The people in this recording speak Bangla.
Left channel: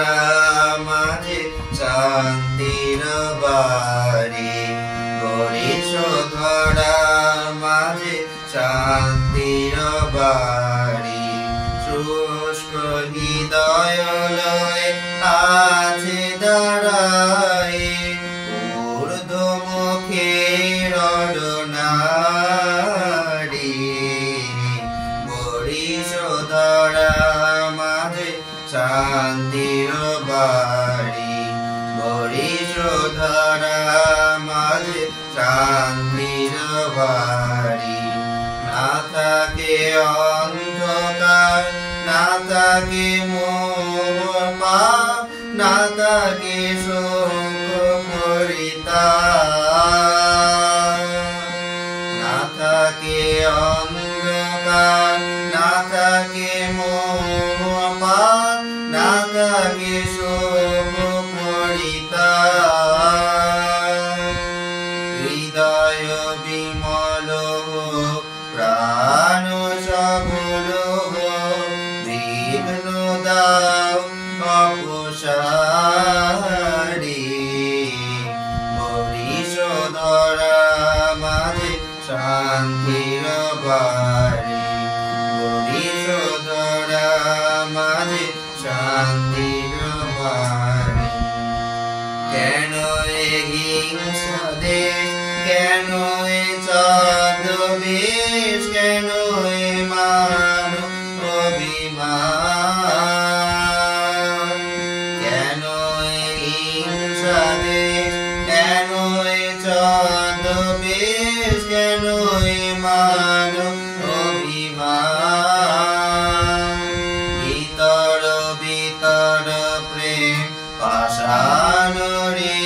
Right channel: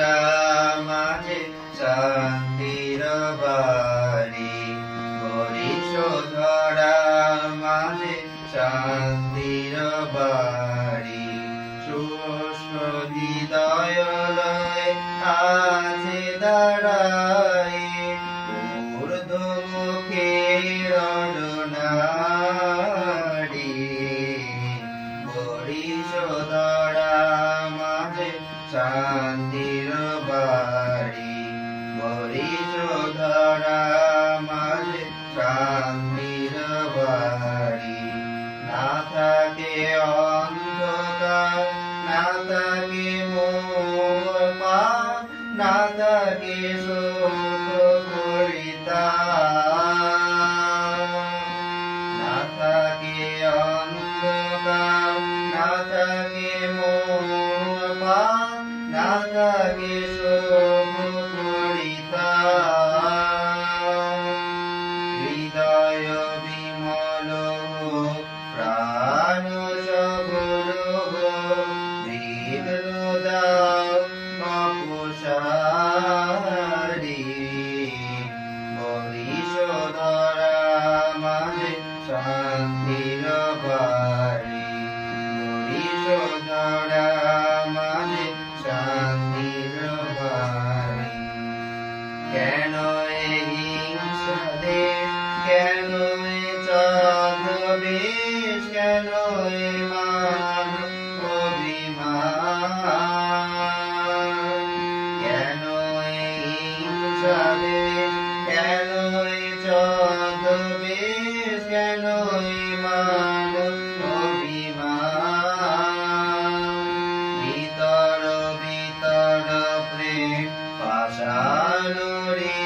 মাঝে শান্তির বাড়ি গরিশ ধরা মাঝে শান্তির বাড়ি শুষ্ক হৃদয় লয়ে আছে দাঁড়ায় ঊর্ধ্বমুখে রডনারী গরিশ ধরা মাঝে শান্তির বাড়ি গরিশ ধরা মাঝে শান্তির বাড়ি না থাকে অন্ধকার না থাকে মোহ না থাকে শোক পরিতাপ না থাকে অন্ধকার না থাকে মোহ না থাকে শোক পরিতাপ হৃদয় বিমল হোক প্রাণ সবল হোক বিঘ্ন দাও অপসারী গরিশ ধরা মাঝে শান্তির বাড়ি গরিশ ধরা মাঝে শান্তির বাড়ি কেন এ হিংসা দেশ কেন এ ছদ্মবেশ কেন এ মান অভিমান কেন এ হিংসা দেশ কেন এ ছদ্মবেশ কেন এ মান অভিমান ভিতর ভিতর প্রেম পাষাণ রে